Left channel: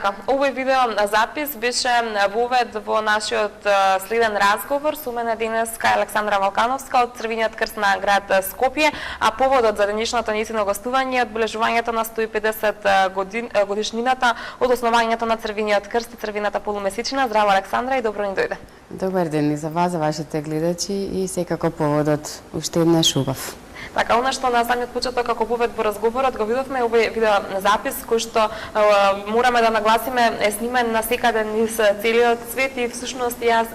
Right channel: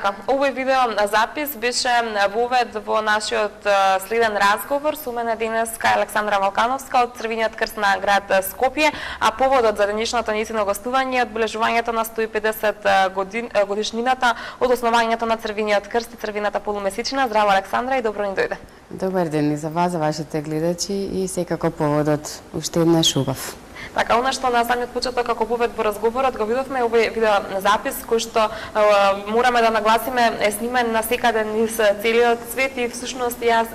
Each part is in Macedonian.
Така, овој видео запис беше вовед во нашиот следен разговор со мене денеска Александра Валкановска од Црвениот крст на град Скопје, а поводот за денешното нисино гостување е одбележувањето на 150 годишнината од основањето на Црвениот крст и Црвената полумесечина. Здраво, Александра, и добро ни дојде. Добар ден и за вас, за вашите гледачи, и секако поводот уште еднаш убав. Така, она што на самиот почеток како повед во разговорот го видовме овој видео запис кој што мораме да нагласиме е снимен на секаде низ целиот свет и всушност ја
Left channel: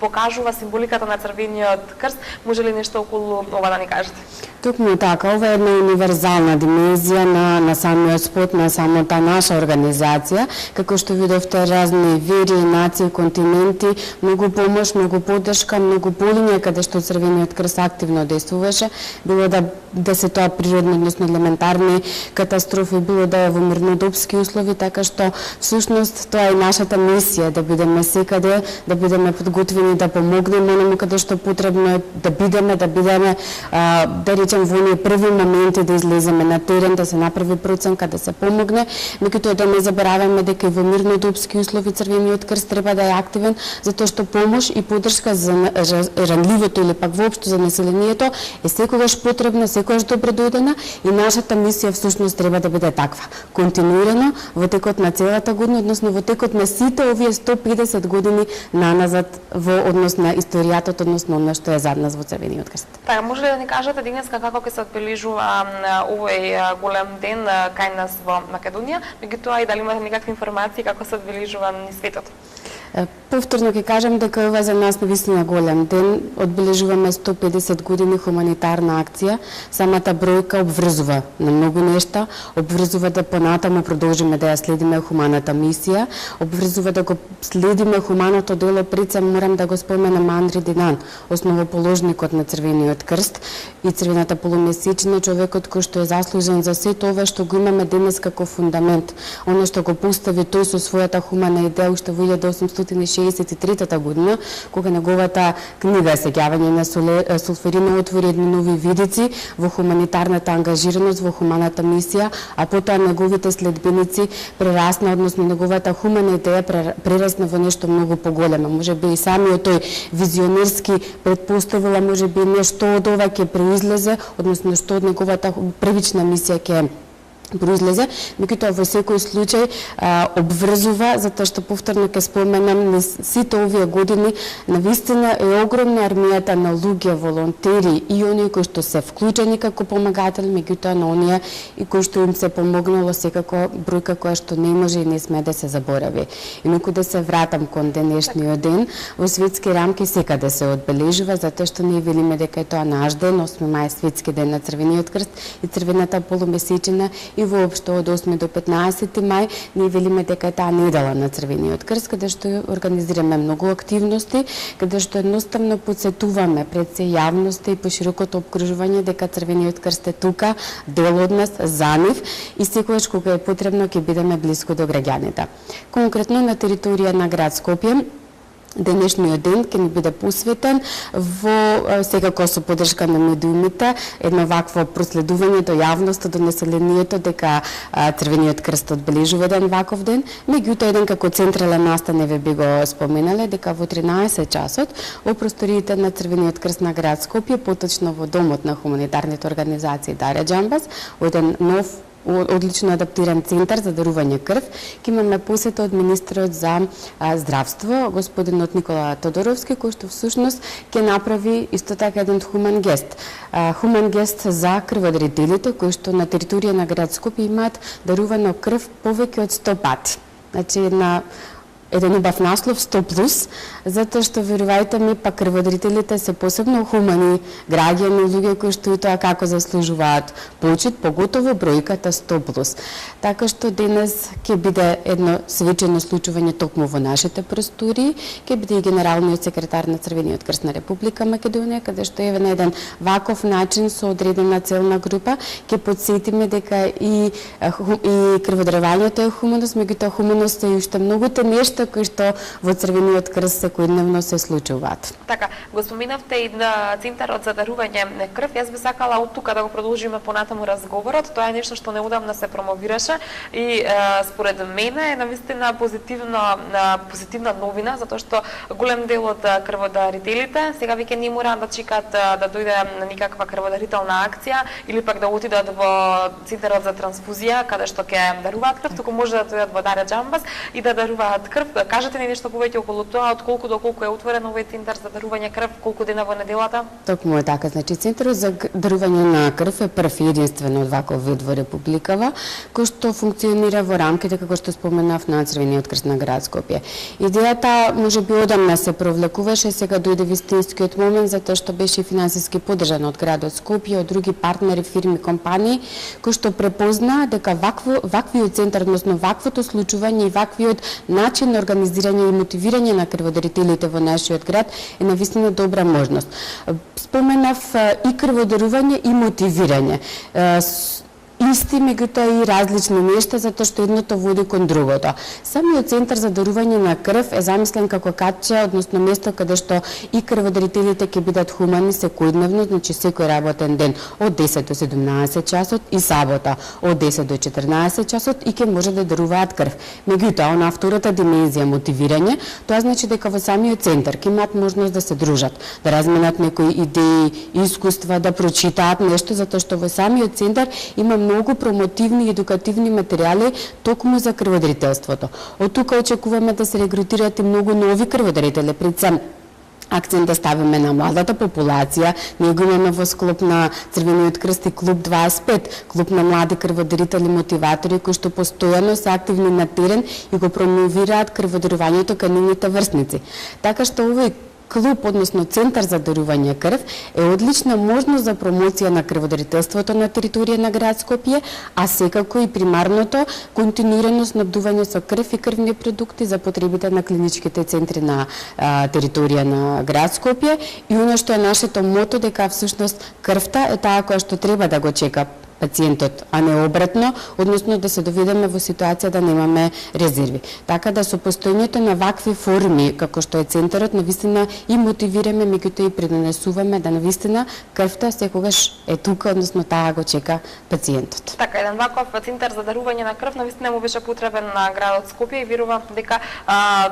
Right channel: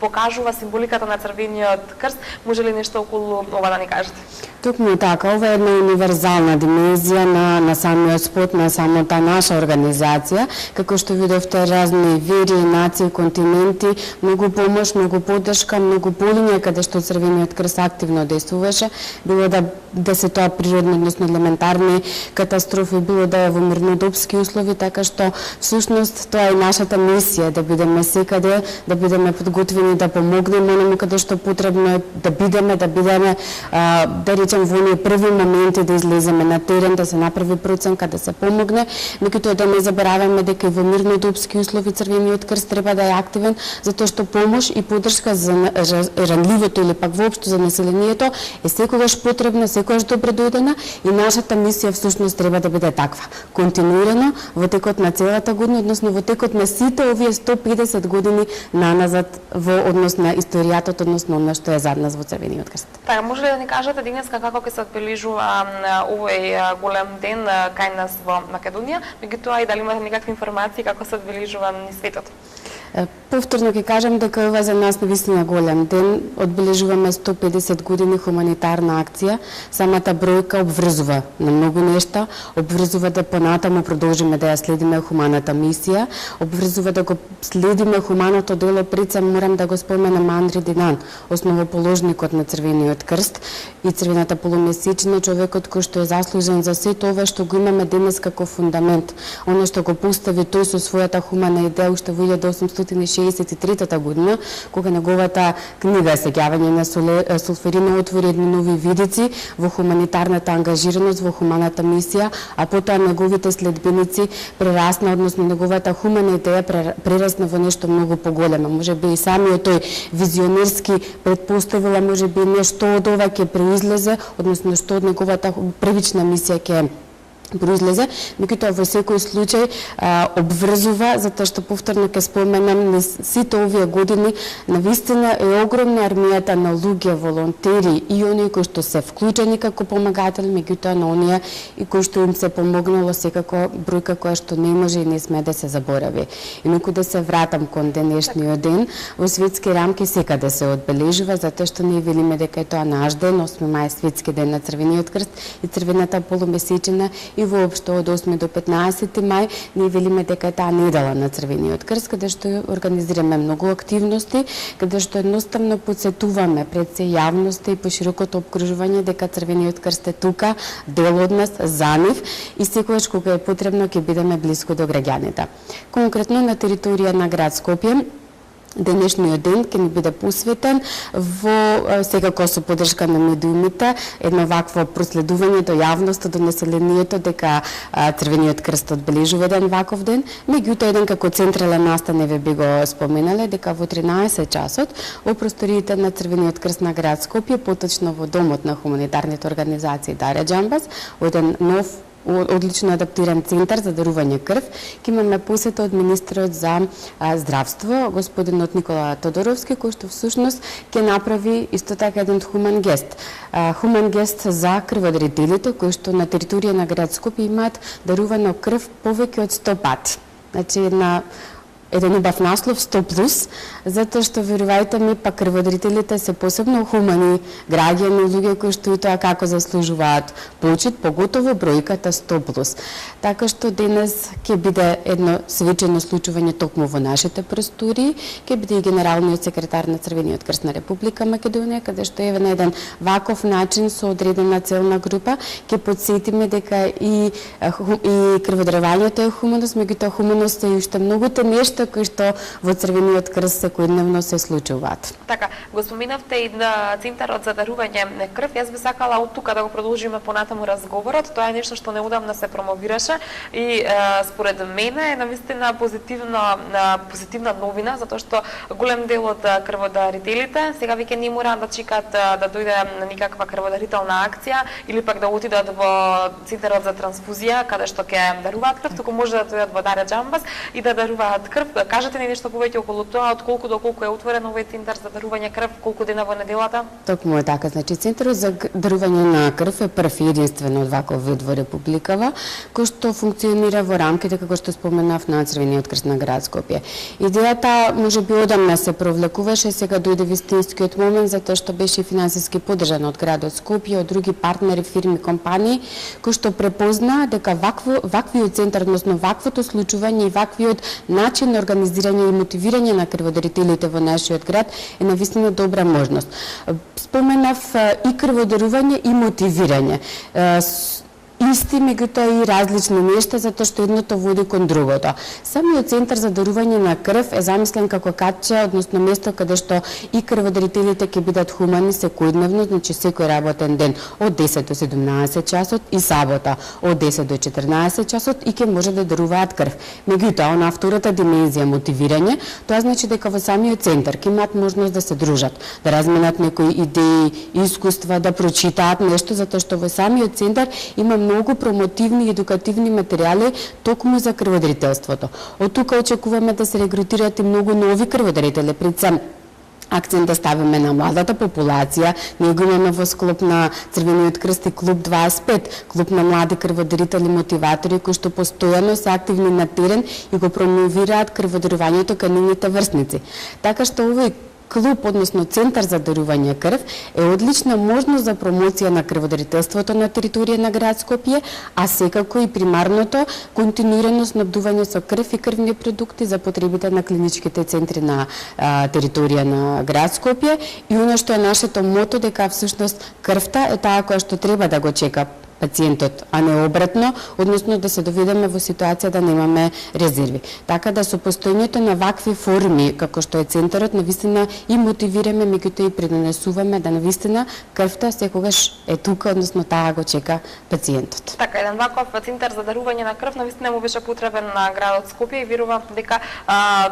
покажува символиката на Црвениот крст. Може ли нешто околу ова да ни кажете? Токму така, ова е една универзална димензија на самиот спот, на самата наша организација, како што видовте разни вери, нации, континенти, многу помош, многу поддршка, многу полиња каде што Црвениот крст активно действуваше, било да се тоа природни, односно елементарни катастрофи, било да е во мирнодопски услови, така што всушност тоа е нашата мисија, да бидеме секаде, да бидеме подготвени да помогнеме оному каде што потребно да бидеме да речем во оние први моменти да излеземе на терен, да се направи проценка, да се помогне, меѓутоа да не забораваме дека и во мирнодопски услови Црвениот крст треба да е активен, затоа што помош и поддршка за ранливото или пак воопшто за населението е секогаш потребна, секогаш добродојдена и нашата мисија всушност треба да биде таква, континуирано во текот на целата година, односно во текот на сите овие 150 години наназад во однос на историјата, односно она што е зад нас во Црвениот крст. Така, може ли да ни кажете денеска како ќе се одбележува овој голем ден кај нас во Македонија, меѓутоа и дали имате некакви информации како се одбележува низ светот? Повторно ќе кажам дека ова за нас навистина голем ден. Одбележуваме 150 години хуманитарна акција. Самата бројка обврзува на многу нешта, обврзува да понатаму продолжиме да ја следиме хуманата мисија, обврзува да го следиме хуманото дело. Пред се морам да го споменам Андри Динан, основоположникот на Црвениот крст и Црвената полумесечина, човекот кој што е заслужен за сето ова што го имаме денес како фундамент. Оно што го постави тој со својата хумана идеја уште во 1863 година, кога неговата книга Сеќавање на сулферина отвори едни нови видици во хуманитарната ангажираност, во хуманата мисија, а потоа неговите следбеници прерасна, односно неговата хумана идеја прерасна во нешто многу поголемо. Можеби и самиот тој визионерски предпоставила, можеби нешто од ова ќе произлезе, односно што од неговата првична мисија ќе произлезе, меѓутоа во секој случај обврзува, затоа што повторно ќе споменам сите овие години навистина е огромна армијата на луѓе, волонтери и оние кои што се вклучени како помагатели, меѓутоа на оние и кои што им се помогнало, секако бројка која што не може и не сме да се заборави. Инаку да се вратам кон денешниот ден, во светски рамки секаде се одбележува, затоа што ние велиме дека е тоа наш ден, 8 мај светски ден на Црвениот крст и Црвената полумесечина, и воопшто од 8 до 15 мај ние велиме дека е таа недела на Црвениот крст, каде што организираме многу активности, каде што едноставно потсетуваме пред се јавноста и поширокото опкружување дека Црвениот крст е тука, дел од нас, за нив и секогаш кога е потребно ќе бидеме блиску до граѓаните. Конкретно на територија на град Скопје денешниот ден ќе ни биде посветен во секако со поддршка на медиумите, едно вакво проследување до јавноста, до населението дека Црвениот крст одбележува еден ваков ден, меѓутоа еден како централен настан ве би го споменале дека во 13 часот во просториите на Црвениот крст на град Скопје, поточно во домот на хуманитарните организации Даре Џамбас, еден нов одлично адаптиран центар за дарување крв, ќе имаме посета од министерот за здравство, господинот Никола Тодоровски, кој што всушност ќе направи исто така еден хуман гест. Хуман гест за крводарителите, кои што на територија на град Скопје имаат дарувано крв повеќе од 100 пати. Значи еден убав наслов 100+, затоа што верувајте ми, па крводарителите се посебно хумани граѓани, луѓе кои што и тоа како заслужуваат почит, поготово бројката 100+. Така што денес ќе биде едно свечено случување токму во нашите простори, ќе биде и генералниот секретар на Црвениот крст на Република Македонија, каде што е на еден ваков начин со одредена целна група ќе потсетиме дека и крводарувањето е хуманост, меѓутоа хуманост е уште многуте нешта нешта кои што во Црвениот крст секојдневно се случуваат. Така, го споменавте и на Центарот за дарување на крв. Јас би сакала од тука да го продолжиме понатаму разговорот. Тоа е нешто што неодамна се промовираше и според мене е навистина позитивна новина, затоа што голем дел од крводарителите сега веќе не мора да чекаат да дојде на никаква крводарителна акција или пак да отидат во Центарот за трансфузија каде што ќе даруваат крв, туку може да дојдат во Дарја Џамбас и да даруваат крв. Кажете ни нешто повеќе околу тоа, од колку до колку е отворен овој центар за дарување крв, колку дена во неделата? Токму е така, значи Центарот за дарување на крв е прв и единствен од ваков вид во Републикава, кој што функционира во рамките, како што споменав, на Црвениот крст на град Скопје. Идејата можеби одамна се провлекуваше, сега дојде вистинскиот момент затоа што беше финансиски поддржан од градот Скопје, од други партнери, фирми, компании, кои што препознаа дека ваквиот центар, односно ваквото случување и ваквиот начин на организирање и мотивирање на крводарителите во нашиот град е навистина добра можност. Споменав и крводарување и мотивирање. Исти, меѓутоа и различни нешта, затоа што едното води кон другото. Самиот центар за дарување на крв е замислен како катче, односно место каде што и крводарителите ќе бидат хумани секојдневно, значи секој работен ден од 10 до 17 часот и сабота од 10 до 14 часот и ќе може да даруваат крв. Меѓутоа, на втората димензија мотивирање, тоа значи дека во самиот центар ќе имаат можност да се дружат, да разменат некои идеи, искуства, да прочитаат нешто, затоа што во самиот центар има многу промотивни и едукативни материјали токму за крводарителството. Од тука очекуваме да се регрутираат и многу нови крводарители, пред се акцент да ставиме на младата популација. Ние го имаме во склоп на Црвениот крст и клуб 25, клуб на млади крводарители мотиватори кои што постојано се активни на терен и го промовираат крводарувањето кај нивните врсници. Така што овој клуб, односно Центар за дарување крв, е одлична можност за промоција на крводарителството на територија на град Скопје, а секако и примарното континуирано снабдување со крв и крвни продукти за потребите на клиничките центри на територија на град Скопје. И оно што е нашето мото, дека всушност крвта е таа која што треба да го чека пациентот, а не обратно, односно да се доведеме во ситуација да немаме резерви. Така да со постојањето на вакви форми, како што е центарот, навистина и мотивираме, меѓутоа и предонесуваме да навистина крвта секогаш е тука, односно таа го чека пациентот. Така, еден ваков центар за дарување на крв навистина му беше потребен на градот Скопје и верувам дека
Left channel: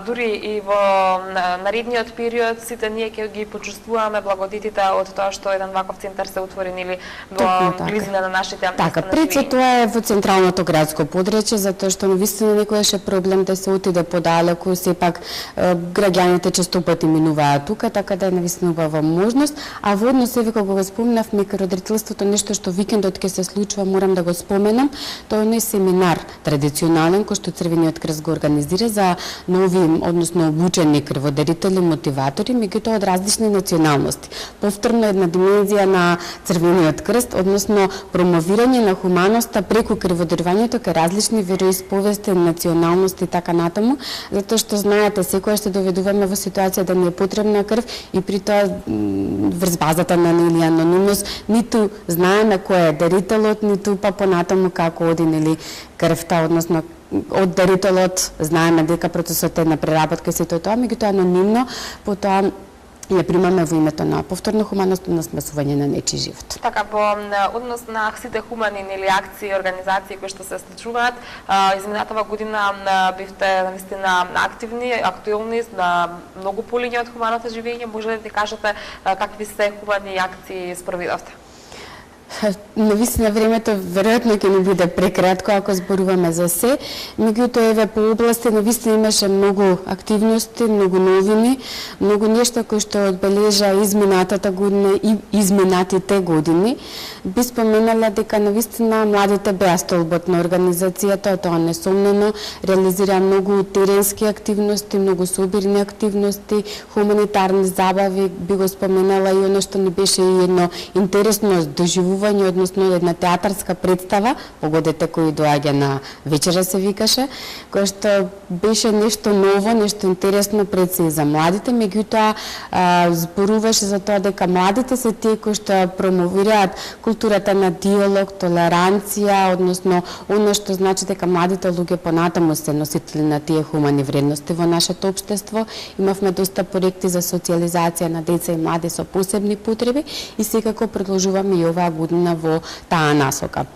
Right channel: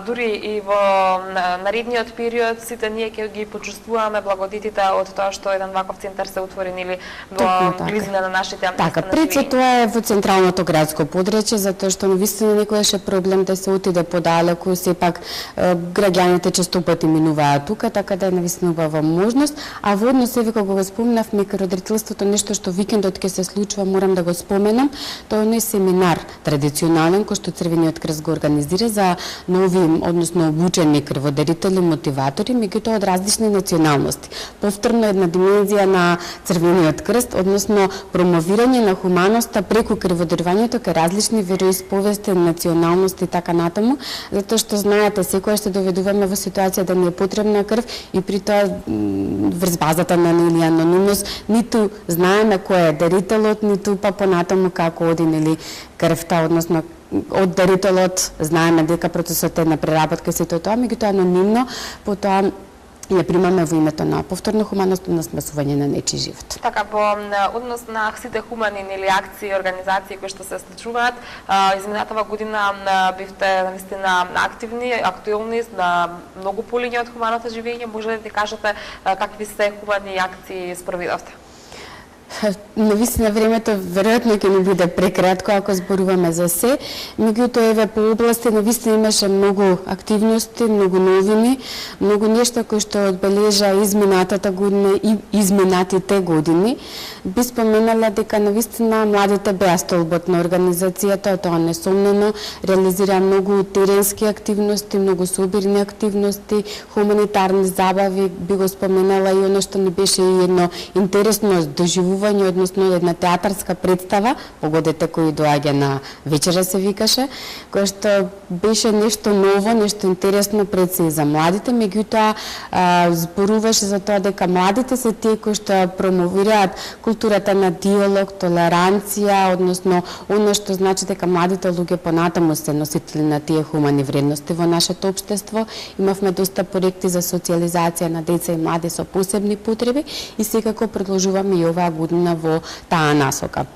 дури и во наредниот период сите ние ќе ги почувствуваме благодетите од тоа што еден ваков центар се отвори или во близина на нашите. Така, пред се тоа е во централното градско подречје, затоа што навистина некојаш е проблем да се отиде подалеку, сепак граѓаните честопати минуваат тука, така да е навистина убава можност. А во однос еве кога го спомнавме крводарителството, нешто што викендот ќе се случува, морам да го споменам, тоа е семинар традиционален кој што Црвениот крст го организира за нови, односно обучени крводарители, мотиватори, меѓутоа од различни националности. Повторно една димензија на Црвениот крст, односно промовирање на хуманоста преку крводарувањето кај различни вероисповести, националности и така натаму, затоа што знаете, секоја се доведуваме во ситуација да не е потребна крв и при тоа врз базата на нели анонимност, ниту знаеме кој е дарителот, ниту па понатаму како оди нели крвта, односно од дарителот знаеме дека процесот е на преработка и сето тоа, меѓутоа анонимно, потоа ја примаме во името на повторно хуманост, на спасување на нечи живот. Така, во однос на сите хумани или акции и организации кои што се случуваат, изминатава година бевте навистина активни, актуелни на многу полиња од хуманото живење. Може ли да кажете какви се хумани акции спроведовте? Навистина времето веројатно ќе ни биде прекратко ако зборуваме за се, меѓутоа еве по области навистина имаше многу активности, многу новини, многу нешта кои што одбележа изминатата година и изминатите години. Би споменала дека навистина младите беа столбот на организацијата, тоа несомнено реализира многу теренски активности, многу собирни активности, хуманитарни забави, би го споменала и оно што не беше и едно интересно доживување представување, односно една театарска представа, погодете кој доаѓа на вечера се викаше, кој што беше нешто ново, нешто интересно пред се и за младите, меѓутоа зборуваше за тоа дека младите се тие кои што промовираат културата на диалог, толеранција, односно она што значи дека младите луѓе понатаму се носители на тие хумани вредности во нашето општество. Имавме доста проекти за социјализација на деца и млади со посебни потреби и секако продолжуваме и оваа година во таа насока.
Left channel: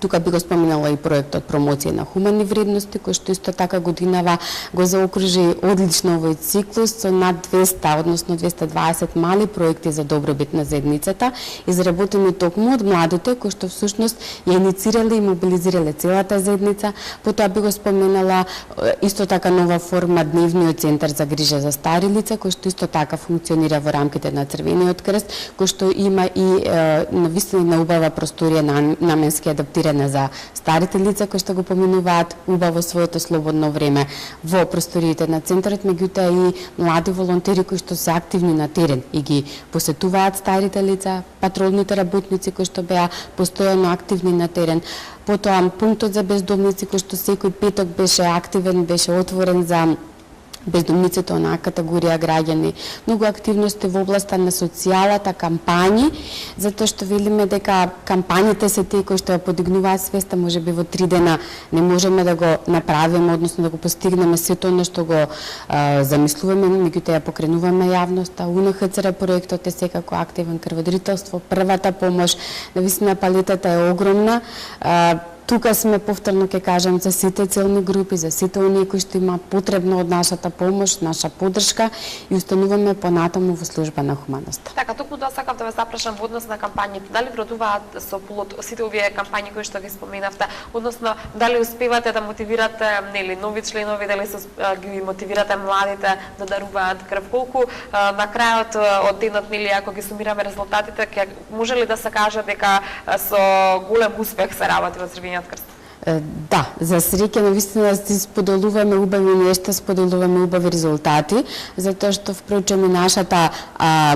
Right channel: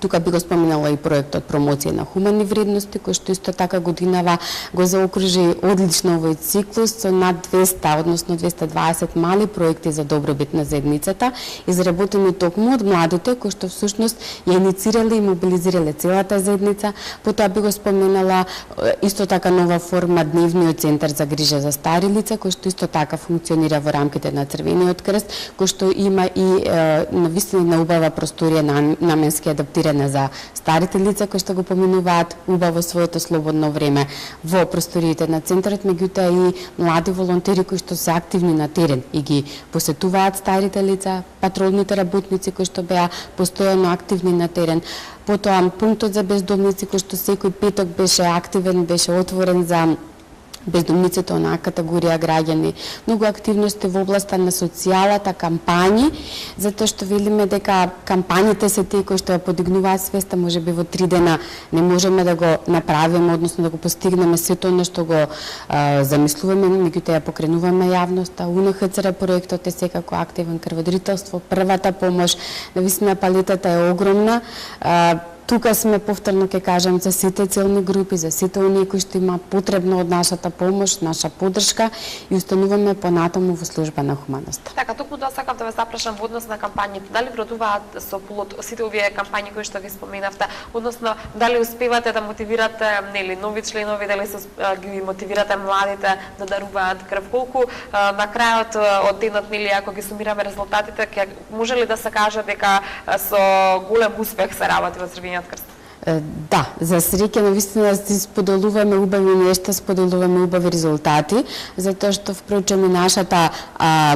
Тука би го споменала и проектот промоција на хумани вредности, кој што исто така годинава го заокружи одлично овој циклус со над 200, односно 220 мали проекти за добробит на заедницата, изработени токму од младите, кои што всушност ја иницирале и мобилизирале целата заедница. Потоа би го споменала исто така нова форма дневниот центар за грижа за стари лица, кој што исто така функционира во рамките на Црвениот крст, кој што има и навистина убава просторија наменски адаптирана за старите лица кои што го поминуваат убаво своето слободно време во просториите на центарот, меѓутоа и млади волонтери кои што се активни на терен и ги посетуваат старите лица, патролните работници кои што беа постојано активни на терен. Потоа пунктот за бездомници кој што секој петок беше активен, беше отворен за бездомниците, онаа категорија граѓани. Многу активности во областа на социјалата, кампањи, затоа што велиме дека кампањите се тие кои што ја подигнуваат свеста, можеби во 3 дена не можеме да го направиме, односно да го постигнеме сето она што го замислуваме, меѓутоа ја покренуваме јавноста. УНХЦР проектот е секако активен, крводарителство, првата помош, навистина палетата е огромна. Тука сме повторно ќе кажам за сите целни групи, за сите оние кои што има потребно од нашата помош, наша поддршка и устануваме понатаму во служба на хуманоста. Така, токму тоа сакам да ве запрашам во однос на кампањите. Дали вродуваат со плод сите овие кампањи кои што ги споменавте, односно дали успевате да мотивирате нови членови, дали ги мотивирате младите да даруваат крв, колку на крајот од денот ако ги сумираме резултатите, ќе може ли да се каже дека со голем успех се работи во Црвениот крст? Да, за среќа навистина си споделуваме убави нешта, споделуваме убави резултати, затоа што впрочем и нашата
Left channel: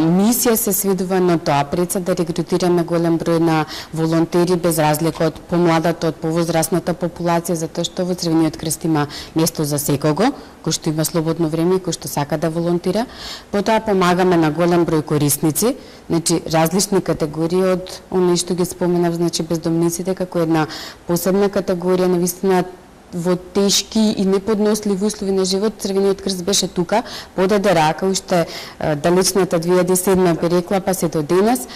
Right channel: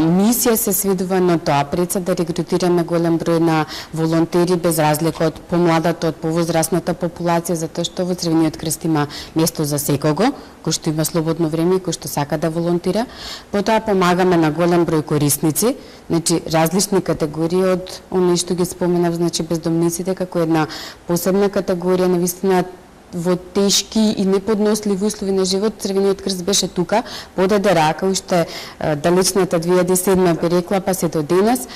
мисија се сведува на тоа, пред се да регрутираме голем број на волонтери без разлика од помладата, од повозрасната популација, затоа што во Црвениот крст има место за секого, кој што има слободно време, кој што сака да волонтира. Потоа помагаме на голем број корисници, значи различни категории од оние што ги споменав, значи бездомниците како една посебна категорија, навистина во тешки и неподносливи услови на живот. Црвениот крст беше тука, подаде рака уште далечната 2007 би рекла, па се до денес.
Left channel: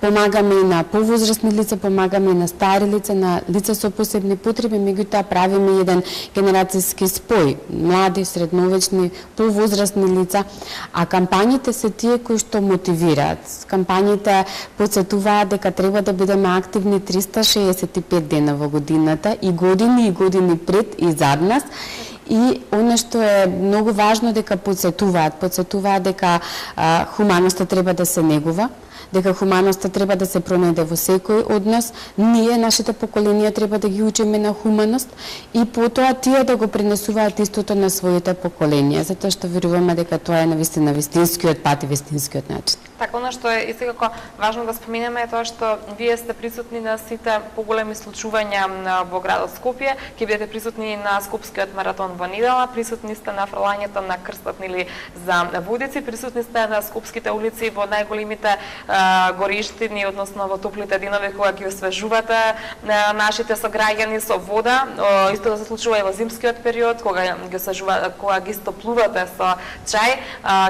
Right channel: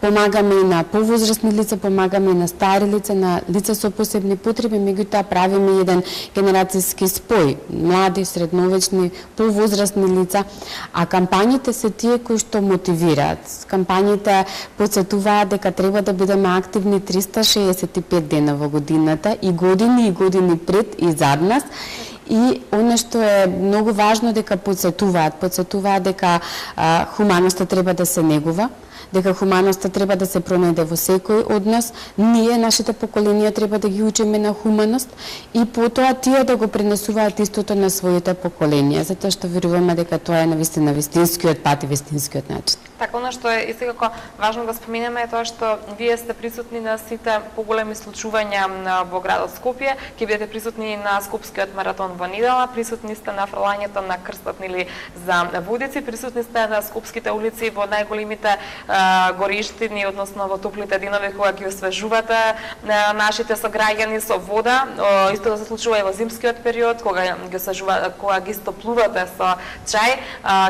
Помагаме и на повозрастни лица, помагаме и на стари лица, на лица со посебни потреби, меѓутоа правиме еден генерацијски спој, млади, средновечни, повозрастни лица, а кампањите се тие кои што мотивираат. Кампањите потсетуваат дека треба да бидеме активни 365 дена во годината и години пред и зад нас. И оно што е многу важно дека потсетуваат дека хуманоста треба да се негува, дека хуманоста треба да се пронајде во секој од нас. Ние, нашите поколенија, треба да ги учиме на хуманост и потоа тие да го пренесуваат истото на своите поколенија, затоа што веруваме дека тоа е навистина вистинскиот пат и вистинскиот начин. Така, оно што е секако важно да споменеме е тоа што вие сте присутни на сите поголеми случувања во градот Скопје, ќе бидете присутни на Скопскиот маратон во недела, присутни сте на фрлањето на крстот за водици, присутни сте на скопските улици во најголемите гориштини, односно во топлите денови кога ги освежувате нашите сограѓани со вода. Исто да се случува и во зимскиот период кога ги освежувате, кога ги стоплувате со чај.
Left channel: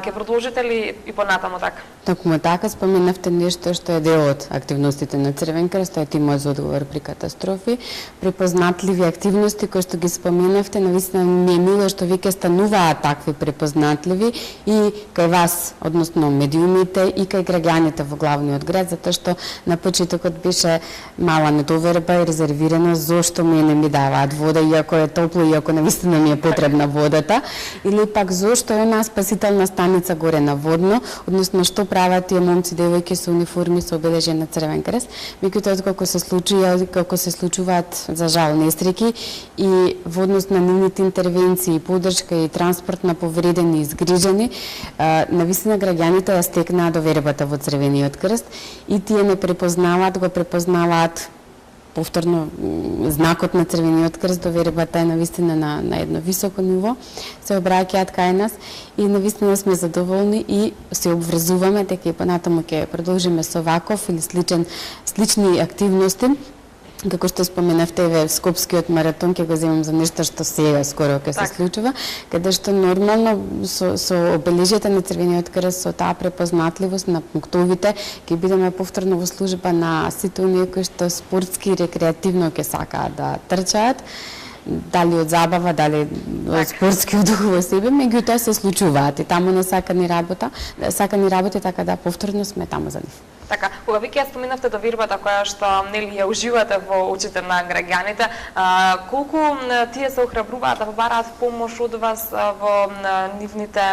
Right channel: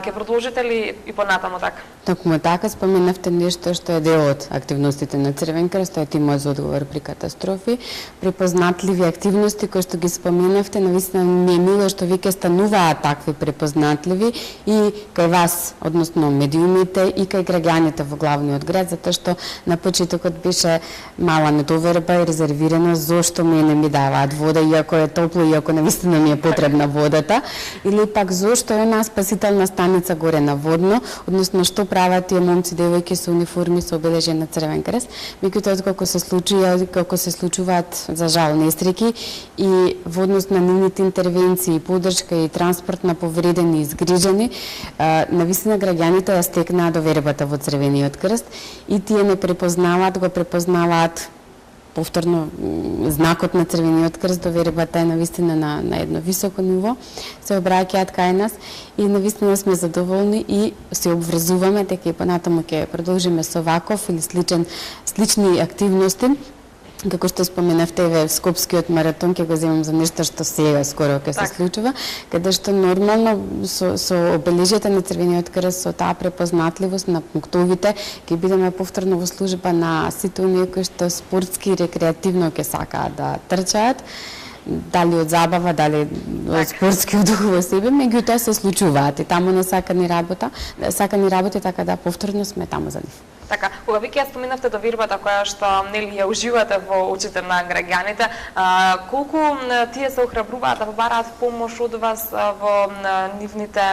Ќе продолжите ли и понатаму така? Токму така, споменавте нешто што е дел од активностите на Црвен крст, тоа е тимот за одговор при катастрофи, препознатливи активности кои што ги споменавте, навистина ми е мило што веќе стануваат такви препознатливи и кај вас, односно медиумите и кај граѓаните во главниот град, затоа што на почетокот беше мала недоверба и резервирано зошто не ми даваат вода, иако е топло, иако навистина ми е потребна водата, или пак зошто е онаа спасителна станица горе на Водно, односно што прават тие момци девојки со униформи со обележен на Црвен крест, меѓутоа како се случуваат за жал несреќи и во однос на нивните интервенции, поддршка и транспорт на повредени и изгрижени, навистина граѓаните ја стекнаа довербата во Црвениот крст и тие не го препознаваат повторно знакот на Црвениот крст, довербата е навистина на едно високо ниво, се обраќаат кај нас и навистина сме задоволни и се обврзуваме дека и понатаму ќе продолжиме со ваков или слични активности. Како што споменавте, Скопскиот маратон ќе го земам за нешто што сега скоро ќе се случува, каде што нормално со обележите на Црвениот крст, со таа препознатливост на пунктовите, ќе бидеме повторно во служба на сите оние кои што спортски и рекреативно ќе сакаат да трчаат, дали од забава, дали од спортски дух во себе, меѓутоа се случуваат и таму не сака ни работа, така да повторно сме таму за нив. Така, кога веќе ја споменавте довербата која што нели ја уживате во очите на граѓаните, колку тие се охрабруваат да побараат помош од вас во нивните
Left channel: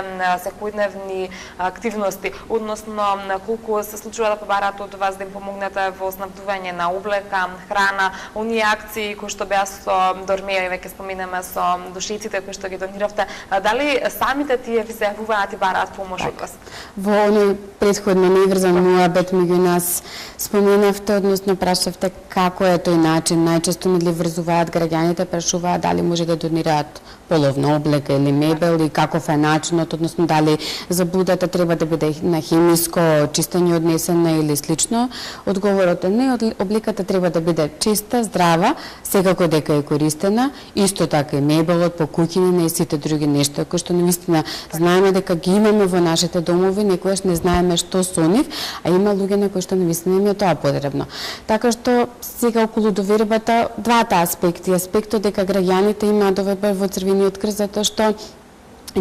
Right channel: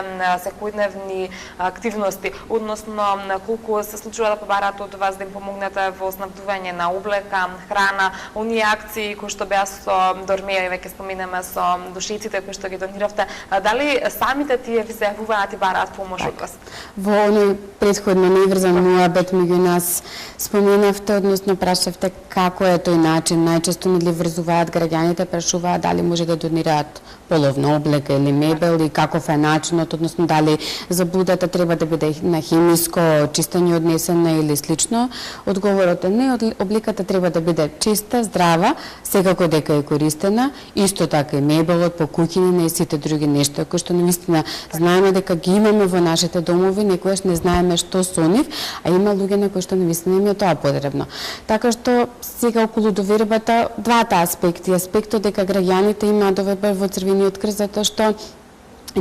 секојдневни активности, односно колку се случува да побараат од вас да им помогнете во снабдување на облека, храна, оние акции кои што беа со Дормеја и веќе споменаме со душиците кои што ги дониравте, дали самите тие ви се јавуваат и бараат помош од вас? Во оној претходно неврзан муабет меѓу нас споменавте, односно прашавте како е тој начин. Најчесто ми врзуваат граѓаните, прашуваат дали може да донираат половна облека или мебел и каков е начинот, односно дали заблудата треба да биде на хемиско чистење однесена или слично. Одговорот е не, облеката треба да биде чиста, здрава, секако дека е користена, исто така и мебелот, покуќинина и сите други нешта кои што навистина знаеме дека ги имаме во нашите домови, некојаш не знаеме што со нив, а има луѓе на кои што навистина им е тоа потребно. Така што сега околу довербата двата аспекти, аспектот дека граѓаните имаат доверба во Црвениот крст затоа што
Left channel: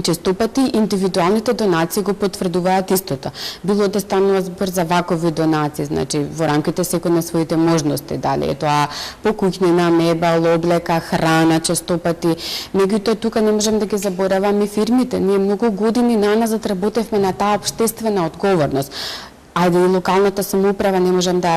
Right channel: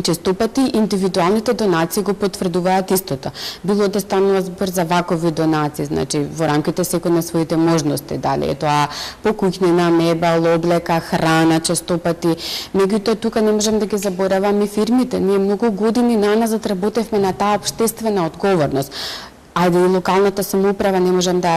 честопати индивидуалните донации го потврдуваат истото. Било да станува збор за вакови донации, значи во рамките секој на своите можности, дали е тоа покуќнина, мебел, облека, храна, честопати. Меѓутоа тука не можам да ги забораваме фирмите. Ние многу години наназад работевме на таа општествена одговорност. Ајде и локалната самоуправа не можам да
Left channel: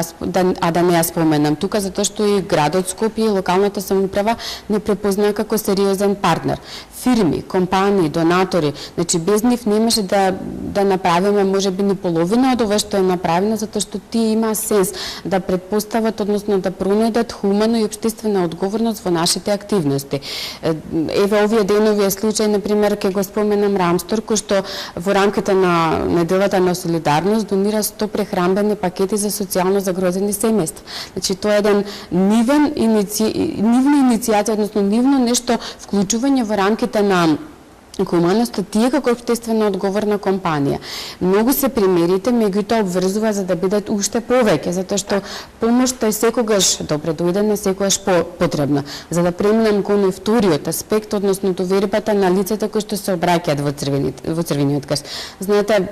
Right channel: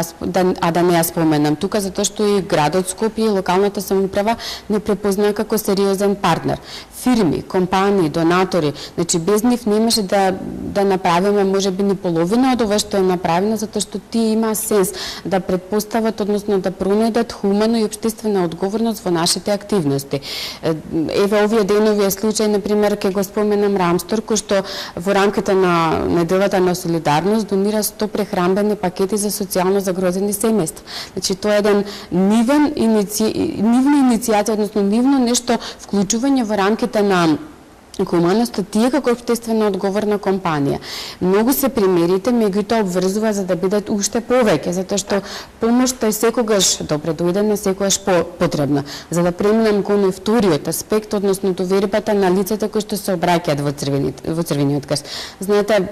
не ја споменам тука, затоа што и градот Скопје и локалната самоуправа не препознае како сериозен партнер. Фирми, компании, донатори, значи без нив не може да направиме можеби ни половина од ова што е направено, затоа што тие има сенс да предпостават, односно да пронајдат хумано и општествена одговорност во нашите активности. Еве овие денови е случај, например, ќе го споменам Рамстор, кој што во рамките на неделата на солидарност донира 100 прехранбени пакети за социјално загрозени семејства. Значи тоа е еден нивна иницијација, односно нивно нешто вклучување во рамките на хуманоста, тие како општествена одговорна компанија. Многу се примерите, меѓутоа обврзува за да бидат уште повеќе, затоа што помошта е секогаш добре дојдена, секогаш потребна. За да преминам кон вториот аспект, односно довербата на лицата кои што се обраќаат во Црвениот крст. Знаете,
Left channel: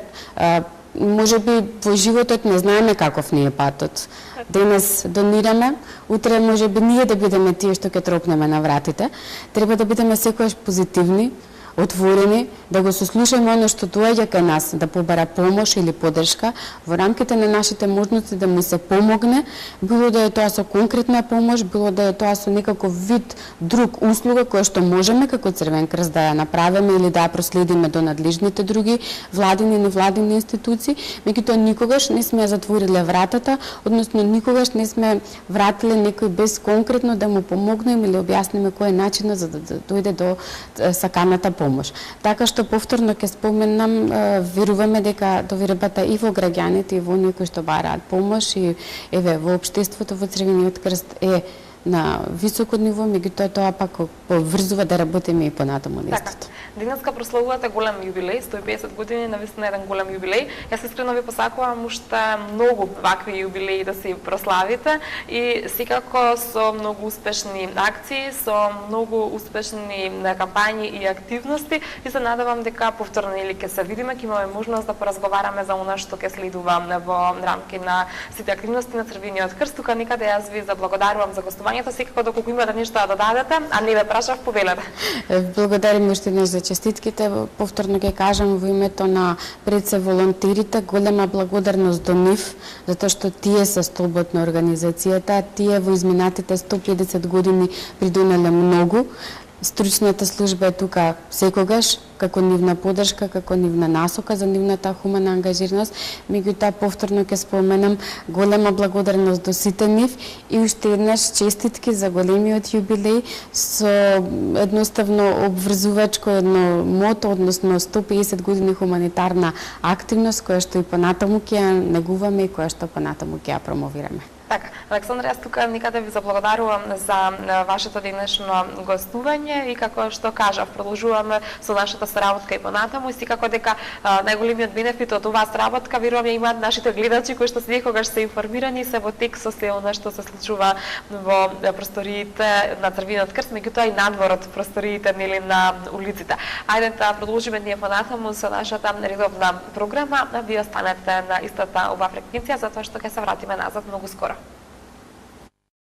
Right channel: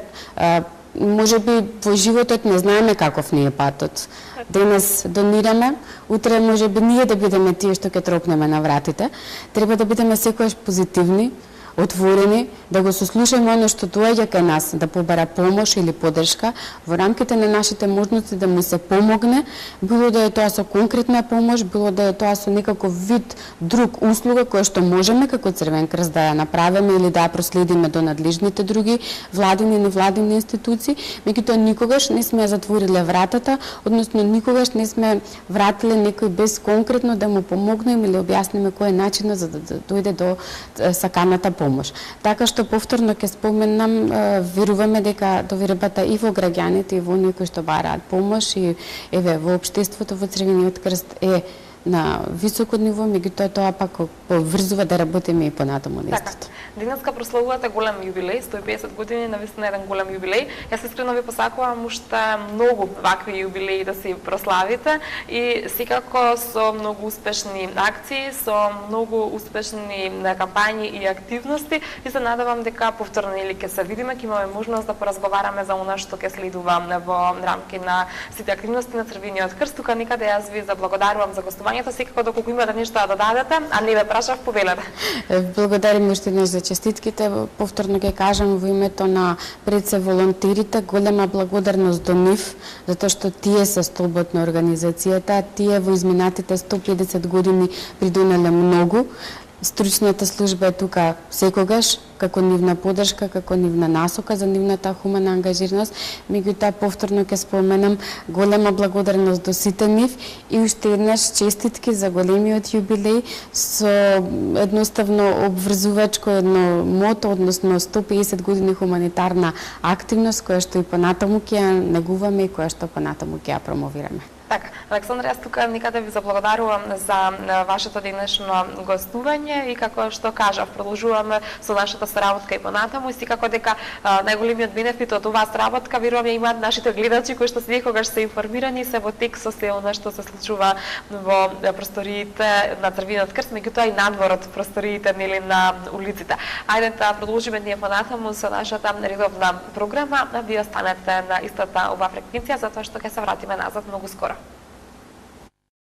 можеби во животот не знаеме каков ни е патот. Денес донираме, утре можеби ние да бидеме тие што ќе тропнеме на вратите. Треба да бидеме секогаш позитивни, отворени, да го сослушаме оно што доаѓа кај нас, да побара помош или поддршка, во рамките на нашите можности да му се помогне, било да е тоа со конкретна помош, било да е тоа со некаков вид друг услуга која што можеме како Црвен крст да ја направиме или да ја проследиме до надлежните други владини и невладини институции, меѓутоа никогаш не сме ја затвориле вратата, односно никогаш не сме вратиле некој без конкретно да му помогнеме или објасниме кој е начинот за да дојде до саканата помош. Така што повторно ќе споменам, веруваме дека довербата и во граѓаните и во оние кои што бараат помош и еве во општеството во Црвениот крст е на високо ниво, меѓутоа тоа пак поврзува да работиме и понатаму на истото. Денеска прославувате голем јубилеј, 150 години, навистина еден голем јубилеј. Јас искрено ви посакувам уште многу вакви јубилеи да си прославите и секако со многу успешни акции, со многу успешни кампањи и активности и се надевам дека повторно или ќе се видиме, ќе имаме можност да поразговараме за она што ќе следува во рамки на сите активности на Црвениот крст. Тука некаде јас ви заблагодарувам за гостување гостувањето, секако доколку имате нешто да додадете, а не ве прашав, повелете. Благодарим уште еднаш за честитките. Повторно ќе кажам во името на пред се волонтерите, голема благодарност до нив, затоа што тие се столбот на организацијата, тие во изминатите 150 години придонеле многу. Стручната служба е тука секогаш, како нивна поддршка, како нивна насока за нивната хумана ангажираност. Меѓутоа, повторно ќе споменам голема благодарност до сите нив и уште еднаш честитки за големиот јубилеј со едноставно обврзувачко едно мото, односно 150 години хуманитарна активност, која што и понатаму ќе ја негуваме и која што понатаму ќе ја промовираме. Така, Александра, јас тука никаде ви заблагодарувам за вашето денешно гостување и како што кажав, продолжуваме со нашата соработка и понатаму и секако дека најголемиот бенефит од оваа соработка верувам ја имаат нашите гледачи кои што секогаш се информирани се во тек со се она што се случува во просториите на Црвениот крст, меѓутоа и надвор од просториите нели на улиците. Ајде да продолжиме ние понатаму со нашата редовна програма, а вие останете на истата оваа фреквенција затоа што ќе се вратиме назад многу скоро.